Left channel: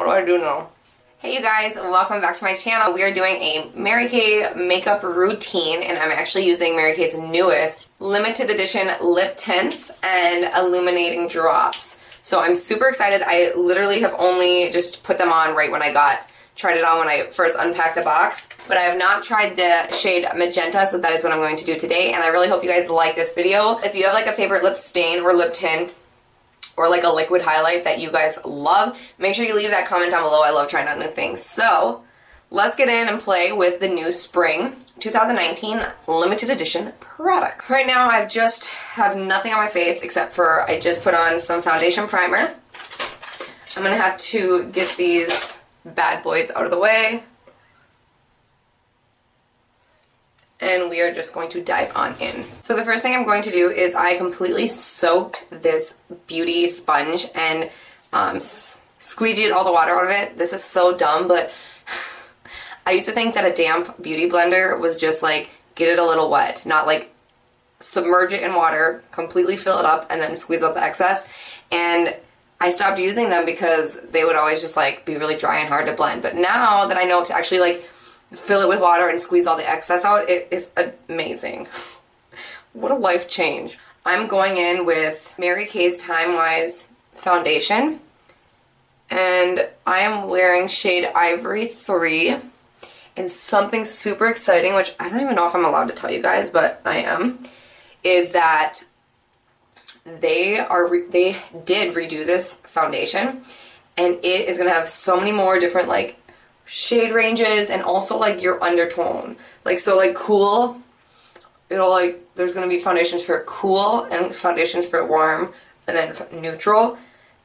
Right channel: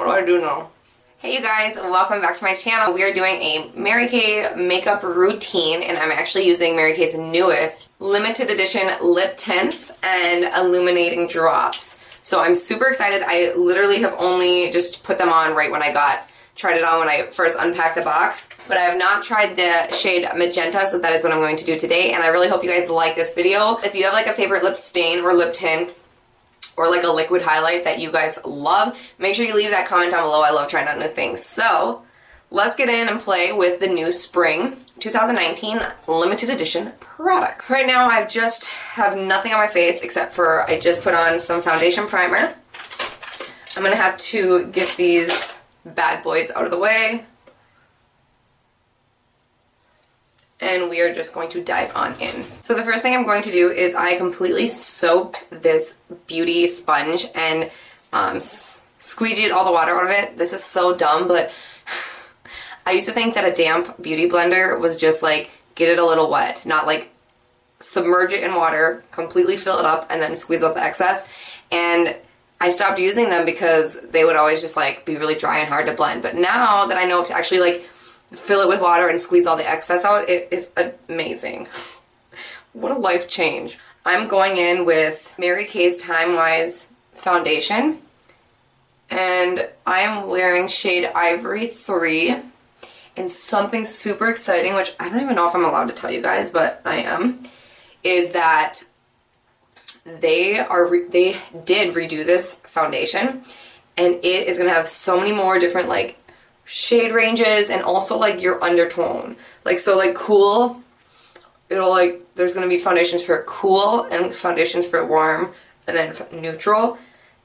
What do I do now? Hey you guys, welcome back to my channel. We are doing a Mary Kay makeup routine, and I'm actually using Mary Kay's newest limited edition lip tints and illuminating drops. So I'm super excited. I literally have only just put them on right when I tried it on when I first unpacked the box. But I have not tried the shade Magenta, so that is what I'm going to do today. And I really hope you guys like this video. If you have like a favorite lip stain or lip tint, or like a liquid highlight that you guys love, make sure you leave that comment down below. I love trying out new things. So let's get in and play with the new spring 2019 limited edition product. Right now I just have nothing on my face except for I just put on some foundation primer. I'm gonna have to get these bad boys out of the way. And we are just going to dive on in. So the first thing I'm going to do is I completely soaked this beauty sponge and squeegeed all the water out of it. This is so dumb, but I used to think that a damp beauty blender was just like, get it a little wet, not like submerge it in water, completely fill it up, and then squeeze out the excess. And I stopped using them because they would always just like be really dry and hard to blend. But now that I know to actually like fill it with water and squeeze all the excess out, it is amazing. What a life change. I'm going in with Mary Kay's Timewise foundation, and I am wearing shade Ivory 3, and something super exciting, which I don't even know if I'm allowed to tell you guys, but I am, is that they did redo this foundation, and it is going to have so many more different like shade ranges, and also like your undertone, like, so like cool, you know, like there's gonna be foundations for cool and foundations for warm and then neutral.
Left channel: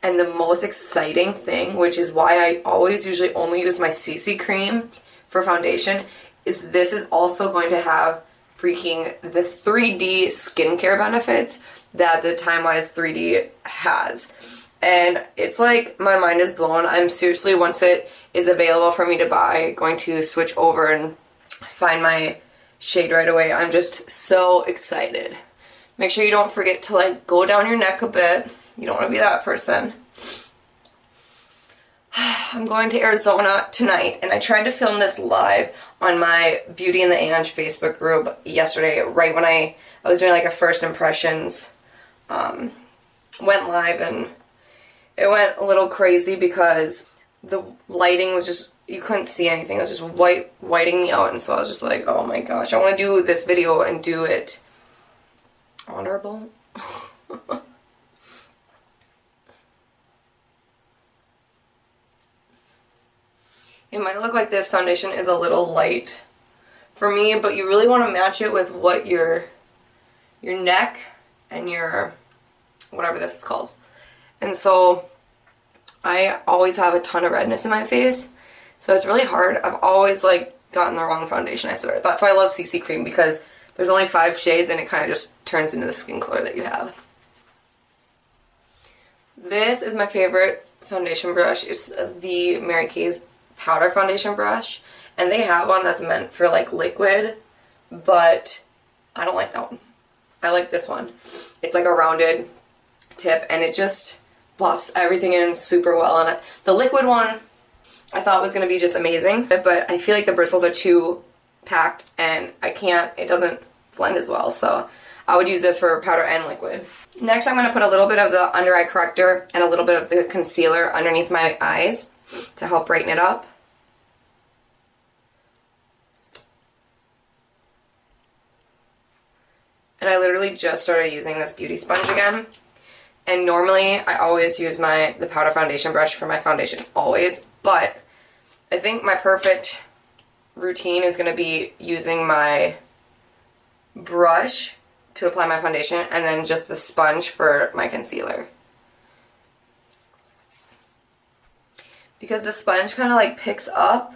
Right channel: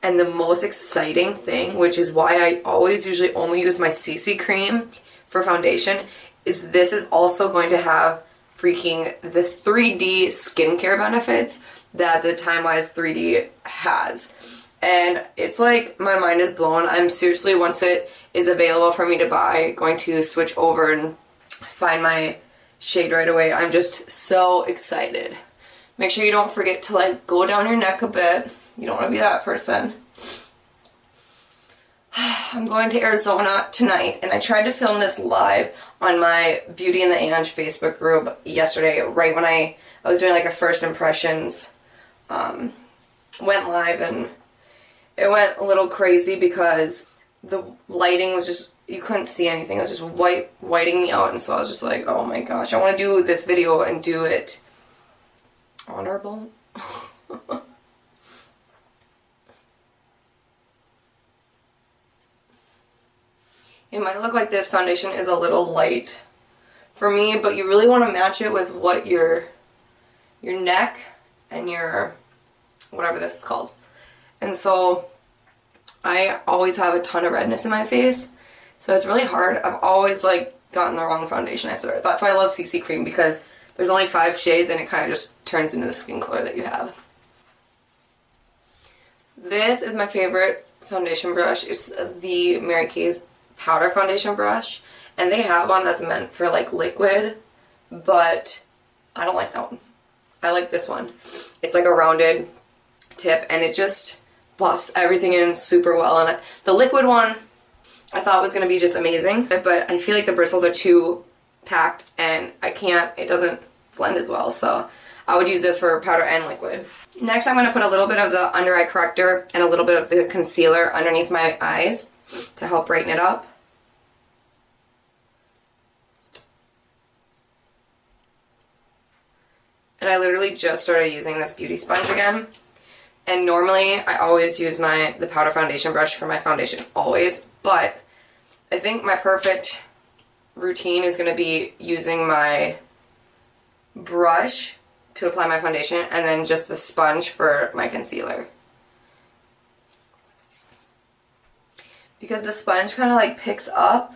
And the most exciting thing, which is why I always usually only use my CC cream for foundation, is this is also going to have freaking the 3D skincare benefits that the Timewise 3D has. And it's like, my mind is blown. I'm seriously, once it is available for me to buy, going to switch over and find my shade right away. I'm just so excited. Make sure you don't forget to like go down your neck a bit. You don't want to be that person. I'm going to Arizona tonight, and I tried to film this live on my Beauty and the Ange Facebook group yesterday, right when I was doing like a first impressions, went live, and it went a little crazy because the lighting was just, you couldn't see anything. It was just whiting me out, and so I was just like, oh my gosh, I want to do this video and do it on our boat. It might look like this foundation is a little light for me, but you really want to match it with what your neck and your, whatever this is called. And so I always have a ton of redness in my face, so it's really hard. I've always like gotten the wrong foundation, I swear. That's why I love CC cream, because there's only 5 shades and it kind of just turns into the skin color that you have. This is my favorite foundation brush. It's the Mary Kay's powder foundation brush, and they have one that's meant for like liquid, but I don't like that one. I like this one. It's like a rounded tip, and it just buffs everything in super well on it. The liquid one I thought was going to be just amazing, but I feel like the bristles are too packed and it doesn't blend as well, so I would use this for powder and liquid. Next I'm going to put a little bit of the under eye corrector and a little bit of the concealer underneath my eyes to help brighten it up. And I literally just started using this beauty sponge again. And normally I always use the powder foundation brush for my foundation, always, but I think my perfect routine is going to be using my brush to apply my foundation and then just the sponge for my concealer. Because the sponge kind of like picks up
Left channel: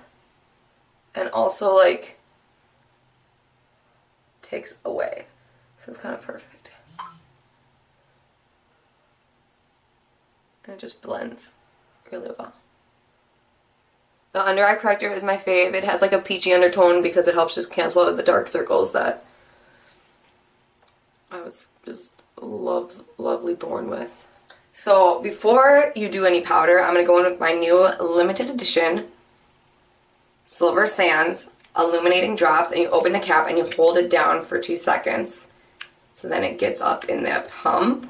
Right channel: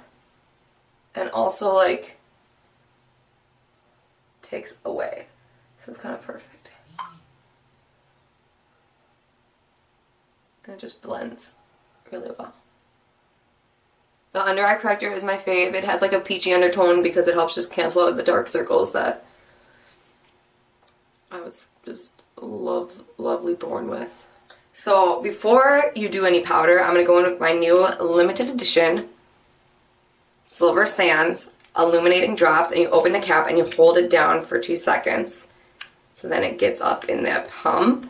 and also like takes away. So it's kind of perfect. And it just blends really well. The under eye corrector is my fave. It has like a peachy undertone because it helps just cancel out the dark circles that I was just lovely born with. So before you do any powder, I'm going to go in with my new limited edition Silver Sands Illuminating Drops, and you open the cap and you hold it down for 2 seconds. So then it gets up in that pump.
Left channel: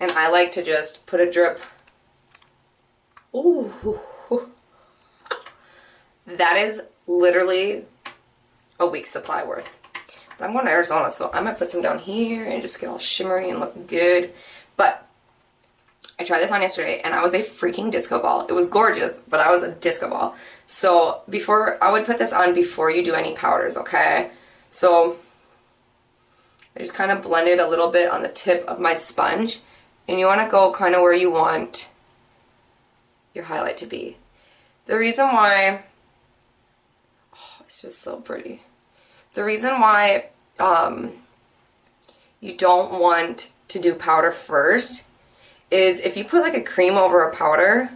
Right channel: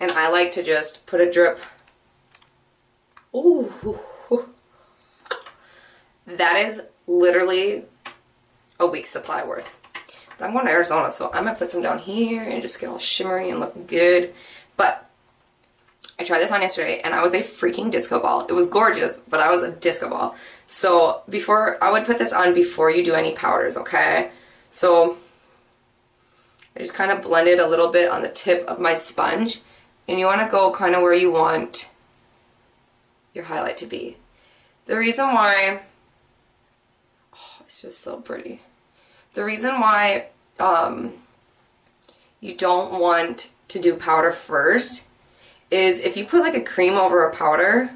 And I like to just put a drip. Ooh. That is literally a week's supply worth. But I'm going to Arizona, so I'm going to put some down here and just get all shimmery and look good. But I tried this on yesterday, and I was a freaking disco ball. It was gorgeous, but I was a disco ball. So I would put this on before you do any powders, okay? So I just kind of blended a little bit on the tip of my sponge. And you want to go kind of where you want your highlight to be. The reason why, it's just so pretty. The reason why you don't want to do powder first is if you put like a cream over a powder,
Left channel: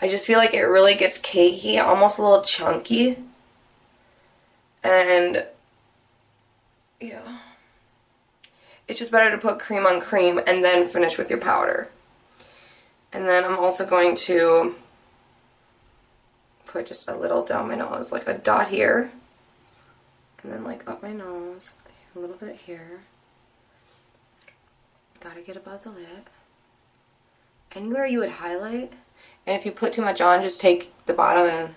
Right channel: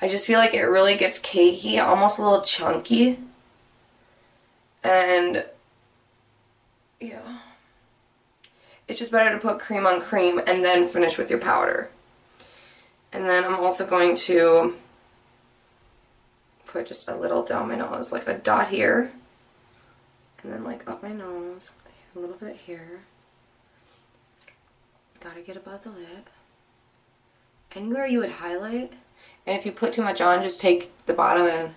I just feel like it really gets cakey, almost a little chunky. And yeah, it's just better to put cream on cream and then finish with your powder. And then I'm also going to put just a little down my nose, like a dot here. And then like up my nose, a little bit here. Gotta get above the lip. Anywhere you would highlight. And if you put too much on, just take the bottom and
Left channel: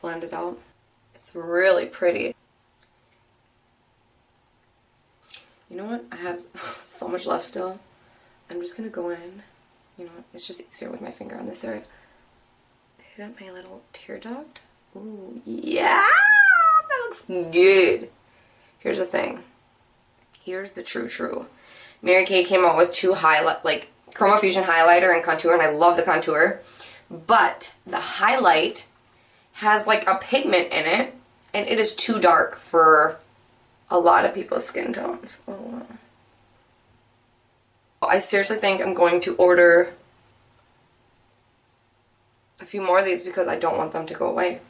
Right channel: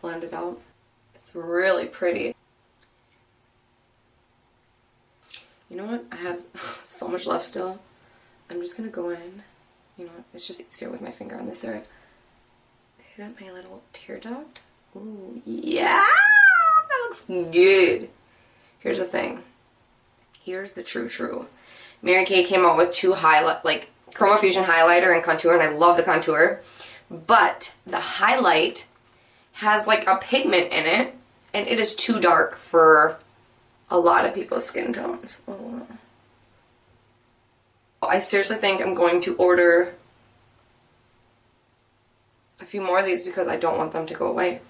blend it out. It's really pretty. You know what? I have so much left still. I'm just gonna go in. You know, it's just easier with my finger on this area. Hit up my little tear duct. Ooh, yeah! That looks good. Here's the thing. Here's the true. Mary Kay came out with 2 Chroma Fusion highlighter and contour, and I love the contour. But the highlight has like a pigment in it, and it is too dark for a lot of people's skin tones. I seriously think I'm going to order a few more of these because I don't want them to go away.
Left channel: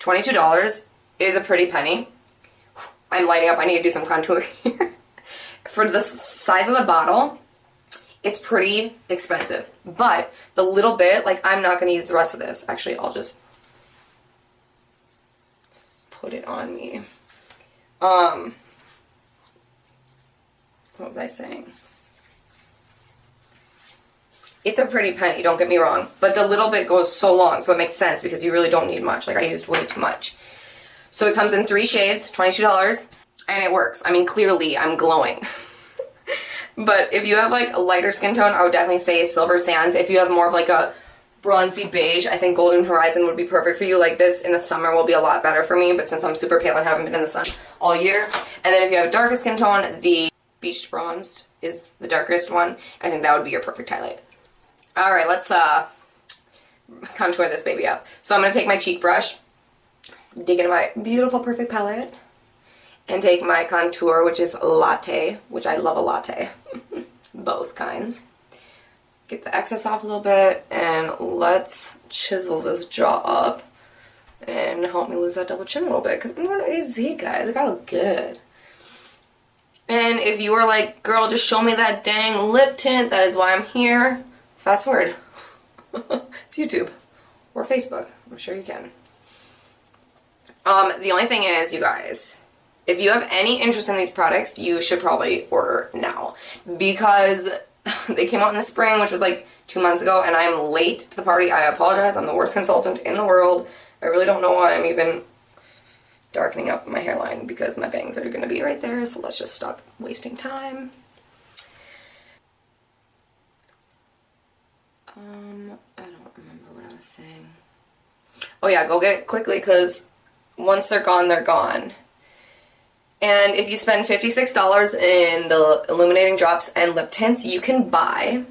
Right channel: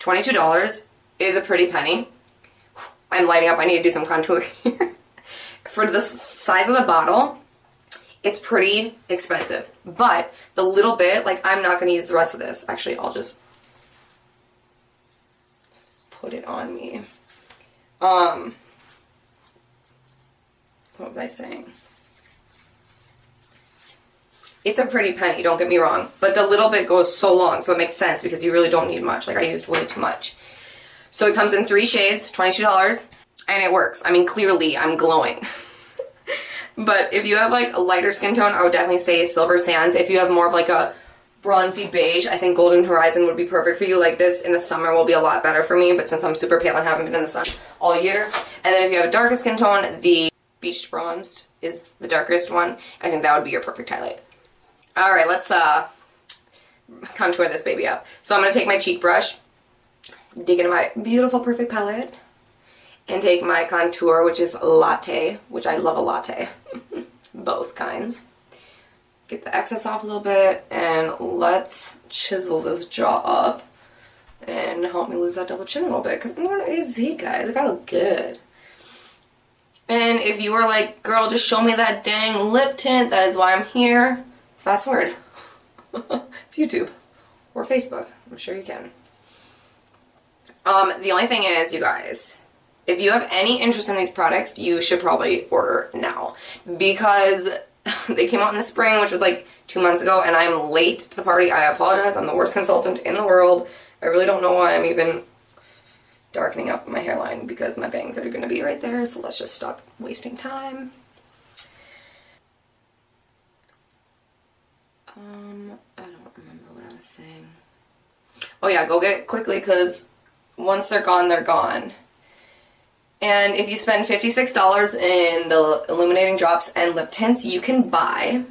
$22 is a pretty penny. I'm lighting up. I need to do some contour here. For the size of the bottle, it's pretty expensive. But the little bit, like, I'm not going to use the rest of this. Actually, I'll just put it on me. What was I saying? It's a pretty penny, don't get me wrong. But the little bit goes so long, so it makes sense because you really don't need much. Like, I used way too much. So it comes in 3 shades, $22, and it works. I mean, clearly I'm glowing. But if you have like a lighter skin tone, I would definitely say Silver Sands. If you have more of like a bronzy beige, I think Golden Horizon would be perfect for you. Like this in the summer will be a lot better for me, but since I'm super pale and haven't been in the sun all year. And then if you have a darker skin tone, the Beach Bronzed is the darkest one. I think that would be your perfect highlight. Alright, let's contour this baby up. So I'm going to take my cheek brush, dig into my beautiful perfect palette, and take my contour, which is latte, which I love a latte. Both kinds. Get the excess off a little bit, and let's chisel this jaw up and help me lose that double chin a little bit, because what is he, guys? It gotta look good. And if you were like, girl, just show me that dang lip tint, that is why I'm here. Fast forward. It's YouTube. Or Facebook. I'm sure you can. The only thing is, you guys, if you have any interest in these products, you should probably order now. Because they came out in the spring, which was like 2 months ago, and I'm late to the party. I apologize. I'm the worst consultant in the world. I really don't know why I'm even darkening up my hairline, because my bangs are going to be right there, so let's just stop wasting time. I don't remember what I was saying. Oh yeah, go get it quickly, because once they're gone, they're gone. And if you spend $56 in the Illuminating Drops and lip tints, you can buy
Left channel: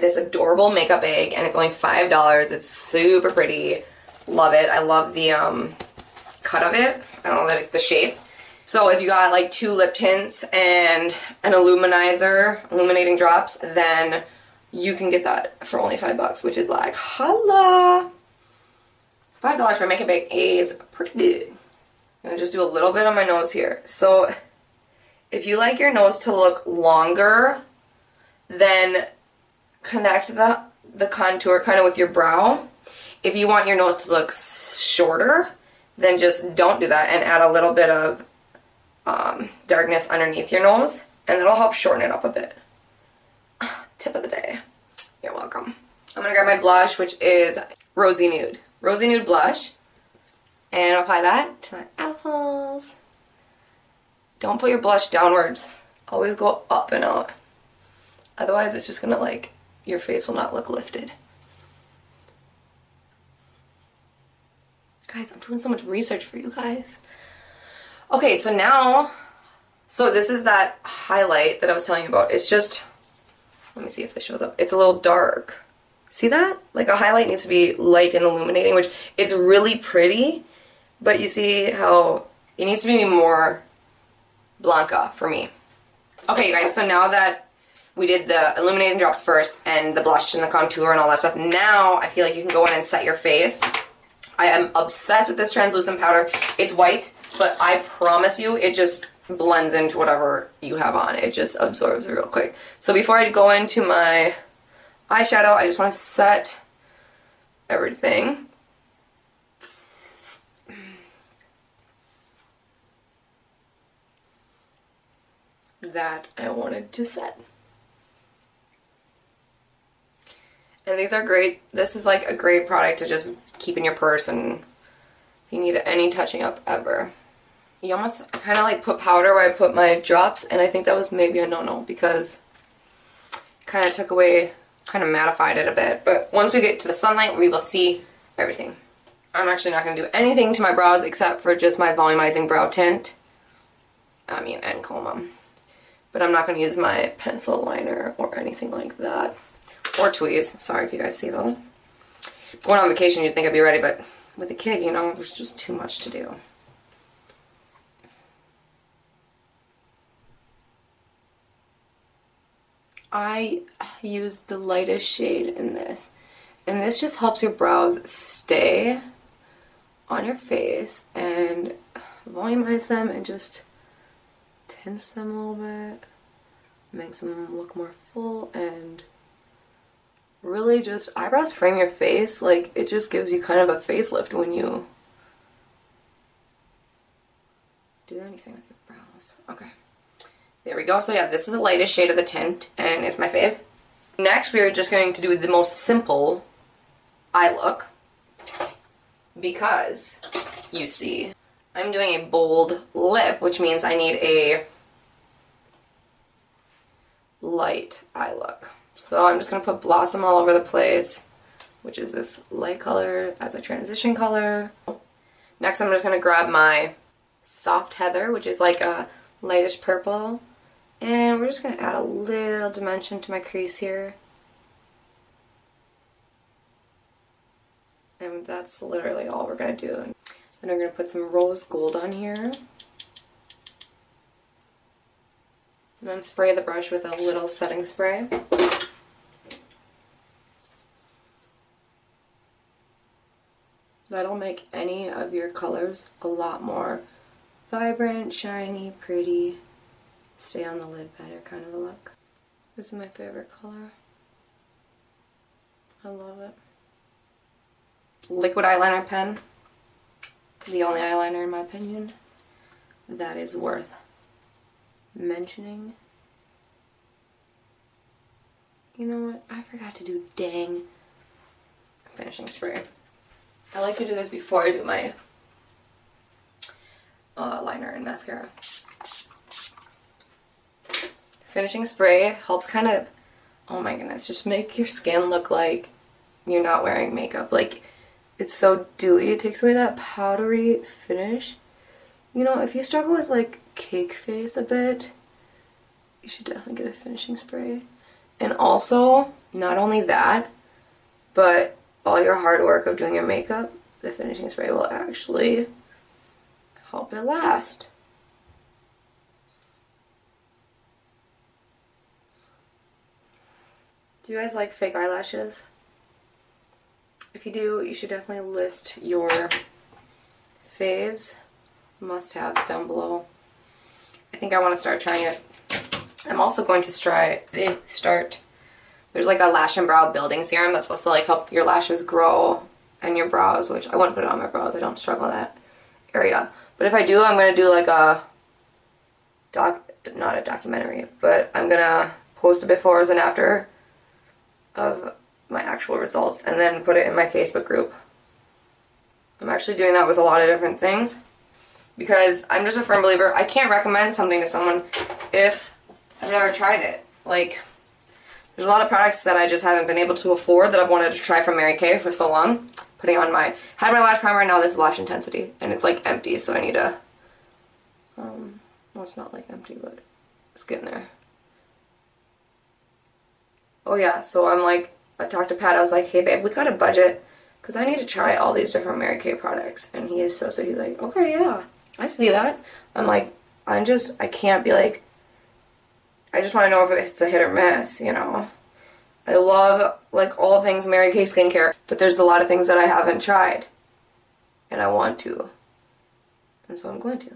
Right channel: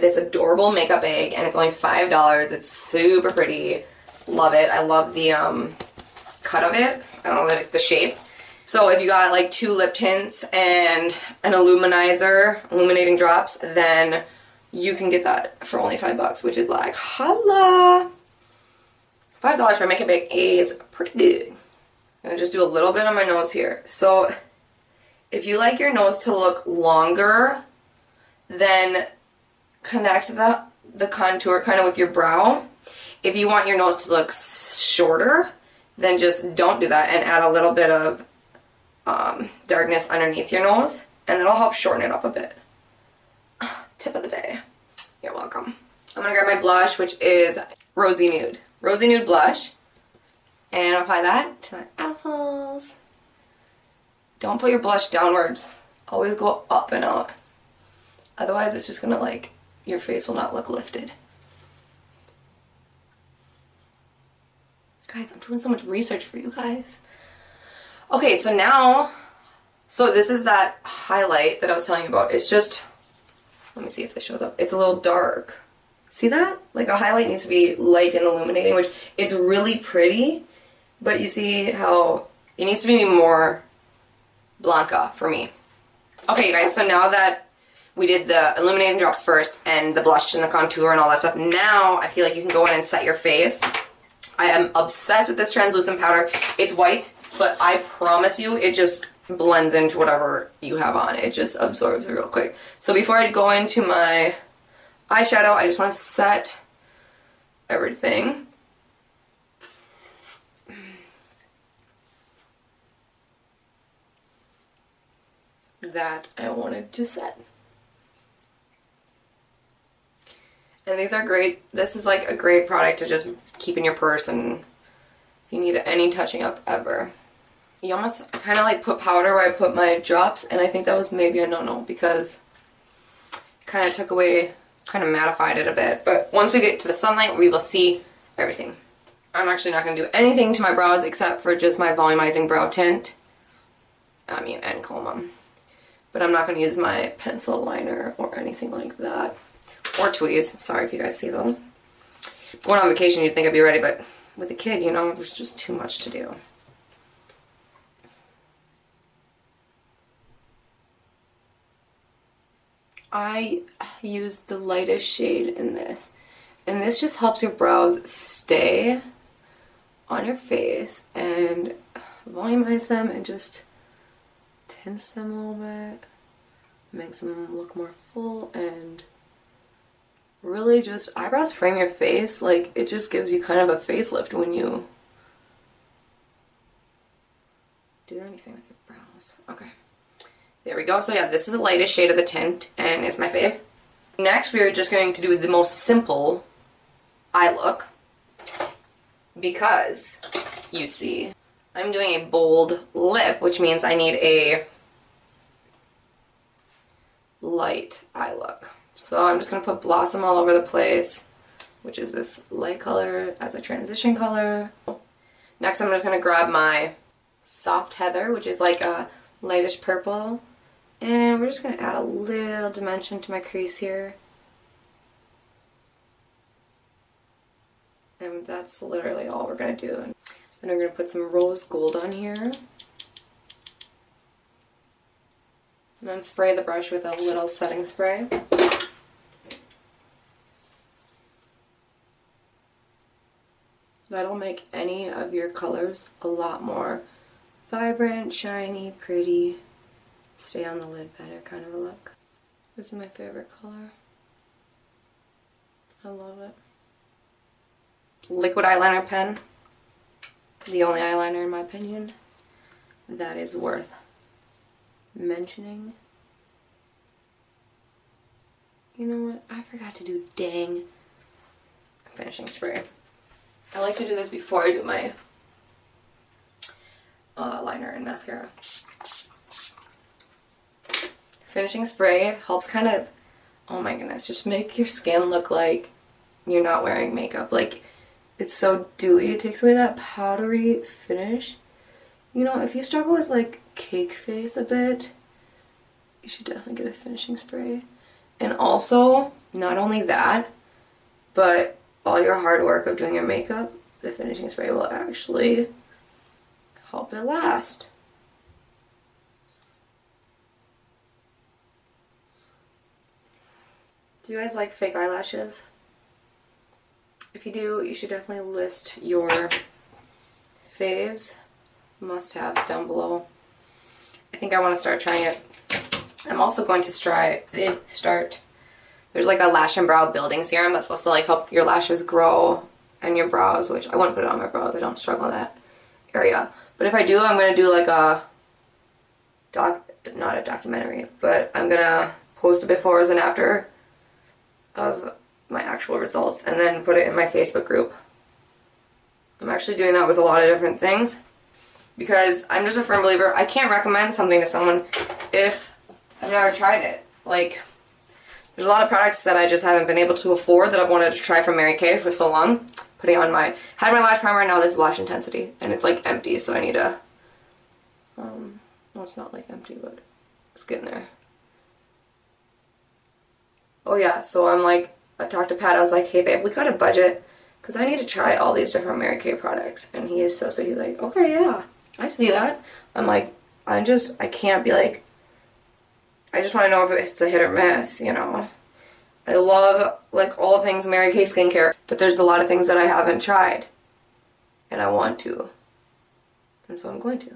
this adorable makeup bag, and it's only $5. It's super pretty. Love it. I love the cut of it. I don't like the shape. So if you got like 2 lip tints and an illuminating drops, then you can get that for only $5, which is like, holla! $5 for a makeup bag is pretty good. I'm gonna just do a little bit on my nose here. So If you like your nose to look longer, then connect the contour kind of with your brow. If you want your nose to look shorter, then just don't do that and add a little bit of darkness underneath your nose, and that'll help shorten it up a bit. Tip of the day. You're welcome. I'm gonna grab my blush, which is Rosy Nude. Rosy Nude blush. And apply that to my apples. Don't put your blush downwards. Always go up and out. Otherwise it's just gonna like, your face will not look lifted. Guys, I'm doing so much research for you guys. Okay, so now, this is that highlight that I was telling you about. It's just, let me see if this shows up. It's a little dark. See that? Like a highlight needs to be light and illuminating, which it's really pretty, but you see how it needs to be more Blanca for me. Okay, guys, so now that we did the illuminating drops first and the blush and the contour and all that stuff, now I feel like you can go in and set your face. I am obsessed with this translucent powder. It's white, but I promise you it just blends into whatever you have on. It just absorbs it real quick. So before I go into my eyeshadow, I just want to set everything. That I wanted to set. And these are great. This is like a great product to just keep in your purse and if you need any touching up ever. You almost kind of like put powder where I put my drops, and I think that was maybe a no-no because it kind of took away, kind of mattified it a bit. But once we get to the sunlight, we will see everything. I'm actually not going to do anything to my brows except for just my volumizing brow tint. And comb them. But I'm not going to use my pencil liner or anything like that. Or tweeze. Sorry if you guys see those. Going on vacation, you'd think I'd be ready, but with a kid, you know, there's just too much to do. I use the lightest shade in this. And this just helps your brows stay on your face and volumize them and just tints them a little bit. Makes them look more full and really just, eyebrows frame your face. Like, it just gives you kind of a facelift when you do anything with your brows. Okay. There we go. So yeah, this is the lightest shade of the tint, and it's my fave. Next, we are just going to do the most simple eye look, because, you see, I'm doing a bold lip, which means I need a light eye look. So I'm just going to put Blossom all over the place, which is this light color as a transition color. Next, I'm just going to grab my Soft Heather, which is like a lightish purple. And we're just going to add a little dimension to my crease here. And that's literally all we're going to do. And then we're going to put some rose gold on here. And then spray the brush with a little setting spray. That'll make any of your colors a lot more vibrant, shiny, pretty. Stay on the lid better kind of a look. This is my favorite color. I love it. Liquid eyeliner pen. The only eyeliner, in my opinion, that is worth mentioning. You know what? I forgot to do dang finishing spray. I like to do this before I do my liner and mascara. Finishing spray helps kind of, oh my goodness, just make your skin look like you're not wearing makeup. Like, it's so dewy. It takes away that powdery finish. You know, if you struggle with like cake face a bit, you should definitely get a finishing spray. And also, not only that, but all your hard work of doing your makeup, the finishing spray will actually help it last. Do you guys like fake eyelashes? If you do, you should definitely list your faves, must-haves down below. I think I want to start trying it. I'm also going to start, there's like a lash and brow building serum that's supposed to like help your lashes grow and your brows, which I wouldn't put it on my brows, I don't struggle that area. But if I do, I'm going to do like a, not a documentary, but I'm going to post a befores and after of my actual results and then put it in my Facebook group. I'm actually doing that with a lot of different things because I'm just a firm believer. I can't recommend something to someone if I've never tried it. Like, there's a lot of products that I just haven't been able to afford that I've wanted to try from Mary Kay for so long. Putting on my, had my lash primer, now this is lash intensity, and it's like empty, so I need to, well, it's not like empty, but it's getting there. Oh yeah, so I'm like, I talked to Pat, I was like, hey babe, we got a budget, because I need to try all these different Mary Kay products, and he is so sweet, he's like, okay, yeah, I see that. I'm like, I can't be like, I just want to know if it's a hit or miss, you know. I love, like, all things Mary Kay skincare, but there's a lot of things that I haven't tried, and I want to, and so I'm going to,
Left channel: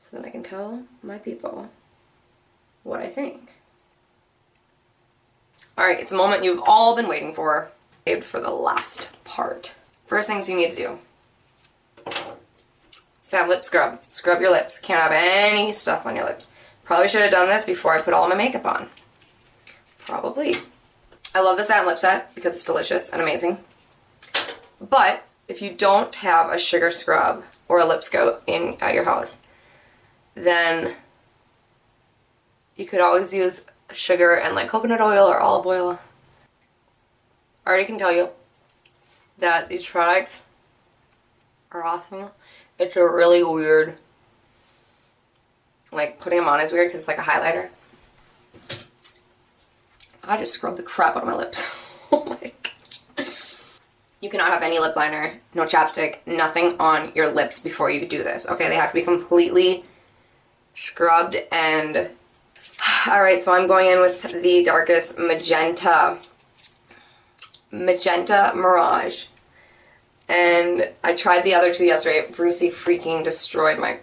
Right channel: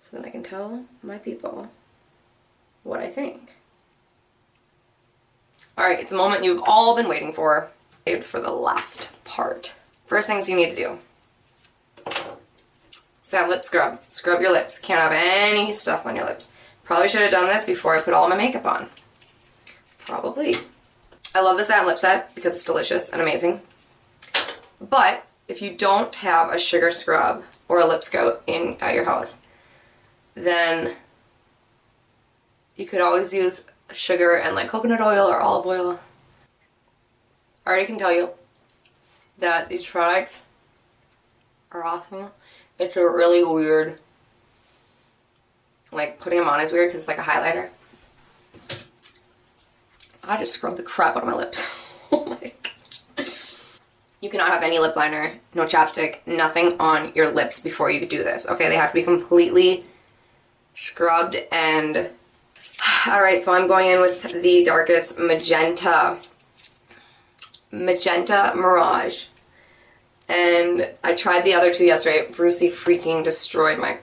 so that I can tell my people what I think. Alright, it's the moment you've all been waiting for the last part. First things you need to do. Sad lip scrub. Scrub your lips. Can't have any stuff on your lips. Probably should have done this before I put all my makeup on. Probably. I love the satin lip set because it's delicious and amazing. But if you don't have a sugar scrub or a lip scrub at your house, then you could always use sugar and like coconut oil or olive oil. I already can tell you that these products are awesome. It's really weird. Like, putting them on is weird because it's like a highlighter. I just scrubbed the crap out of my lips. Oh my gosh. You cannot have any lip liner, no chapstick, nothing on your lips before you do this. Okay, they have to be completely scrubbed and... Alright, so I'm going in with the darkest magenta. Magenta Mirage. And I tried the other two yesterday. Brucey freaking destroyed my...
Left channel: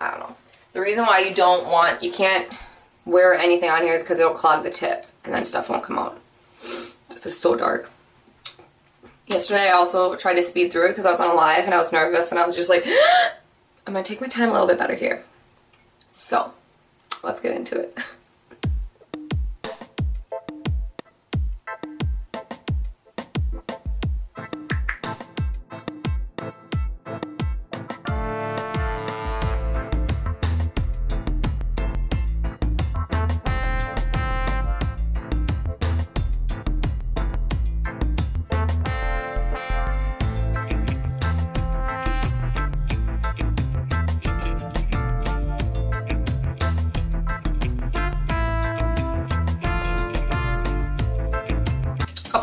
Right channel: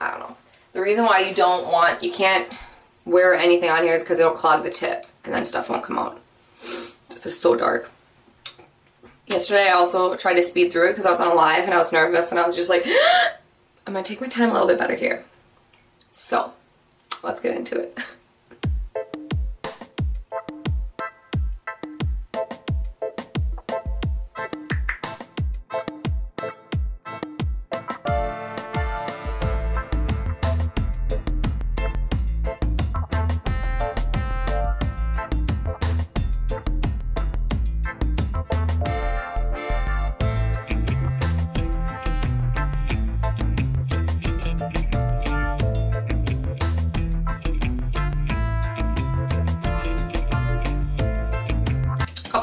I don't know. The reason why you can't wear anything on here is because it'll clog the tip and then stuff won't come out. This is so dark. Yesterday I also tried to speed through it because I was on a live and I was nervous and I was just like, I'm going to take my time a little bit better here. So, let's get into it.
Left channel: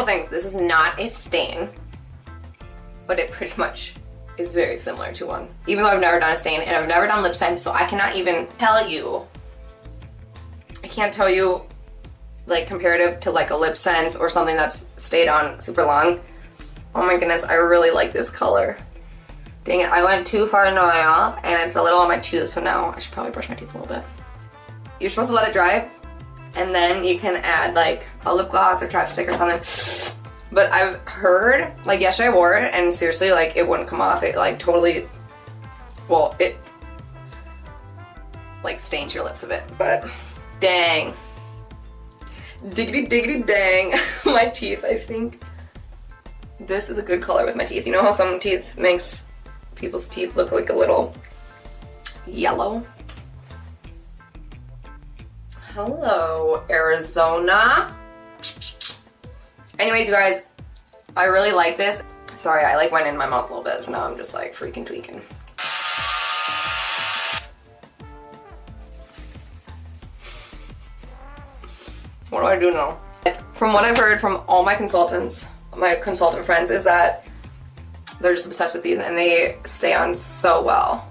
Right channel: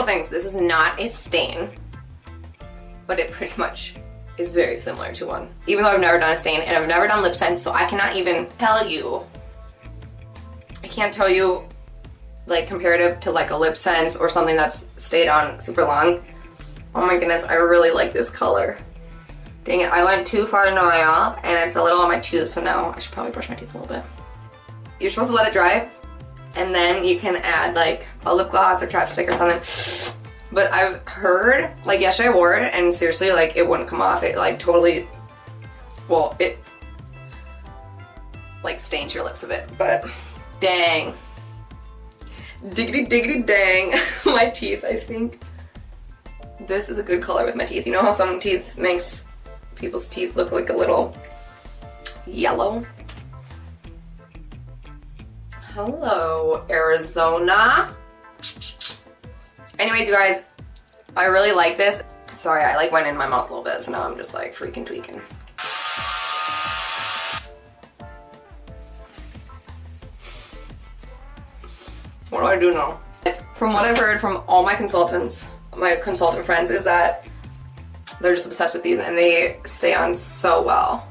Things. This is not a stain, but it pretty much is very similar to one. Even though I've never done a stain and I've never done lip sense, so I cannot even tell you. I can't tell you like comparative to like a lip sense or something that's stayed on super long. Oh my goodness, I really like this color. Dang it, I went too far in the aisle and it's a little on my tooth, so now I should probably brush my teeth a little bit. You're supposed to let it dry. And then you can add like a lip gloss or chapstick or something. But I've heard, like yesterday I wore it and seriously like it wouldn't come off. It like totally, well, it like stains your lips a bit. But dang. Diggity diggity dang. My teeth, I think. This is a good color with my teeth. You know how some teeth makes people's teeth look like a little yellow? Hello, Arizona. Anyways, you guys, I really like this. Sorry, I like went in my mouth a little bit, so now I'm just like freaking tweaking. What do I do now? From what I've heard from all my consultants, my consultant friends, is that they're just obsessed with these and they stay on so well.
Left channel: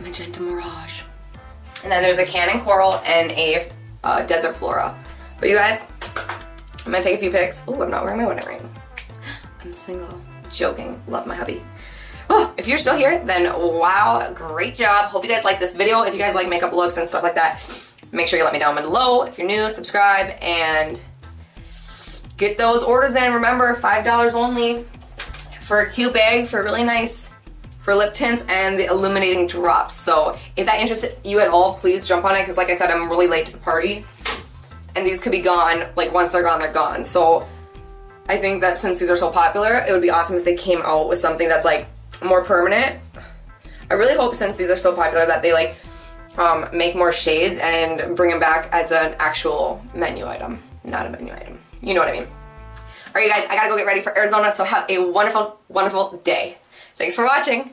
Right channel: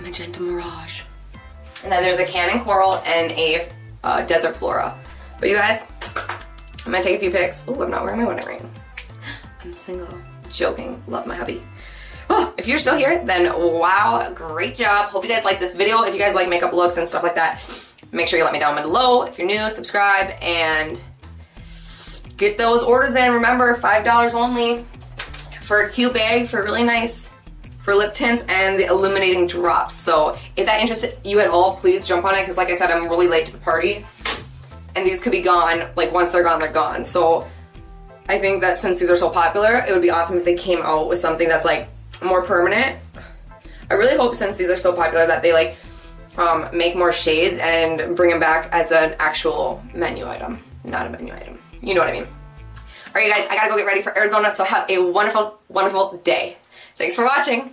Magenta Mirage. And then there's a Cannon Coral and a Desert Flora. But you guys, I'm gonna take a few pics. Oh, I'm not wearing my wedding ring. I'm single. joking. Love my hubby. Oh, if you're still here, then wow, great job. Hope you guys like this video. If you guys like makeup looks and stuff like that, make sure you let me down below. If you're new, subscribe and get those orders in. Remember, $5 only for a cute bag, for really nice, for lip tints and the illuminating drops. So if that interested you at all, please jump on it, because like I said, I'm really late to the party. And these could be gone, like once they're gone, they're gone. So I think that since these are so popular, it would be awesome if they came out with something that's like more permanent. I really hope, since these are so popular, that they like make more shades and bring them back as an actual menu item. Not a menu item. You know what I mean. Alright you guys, I gotta go get ready for Arizona, so have a wonderful, wonderful day. Thanks for watching.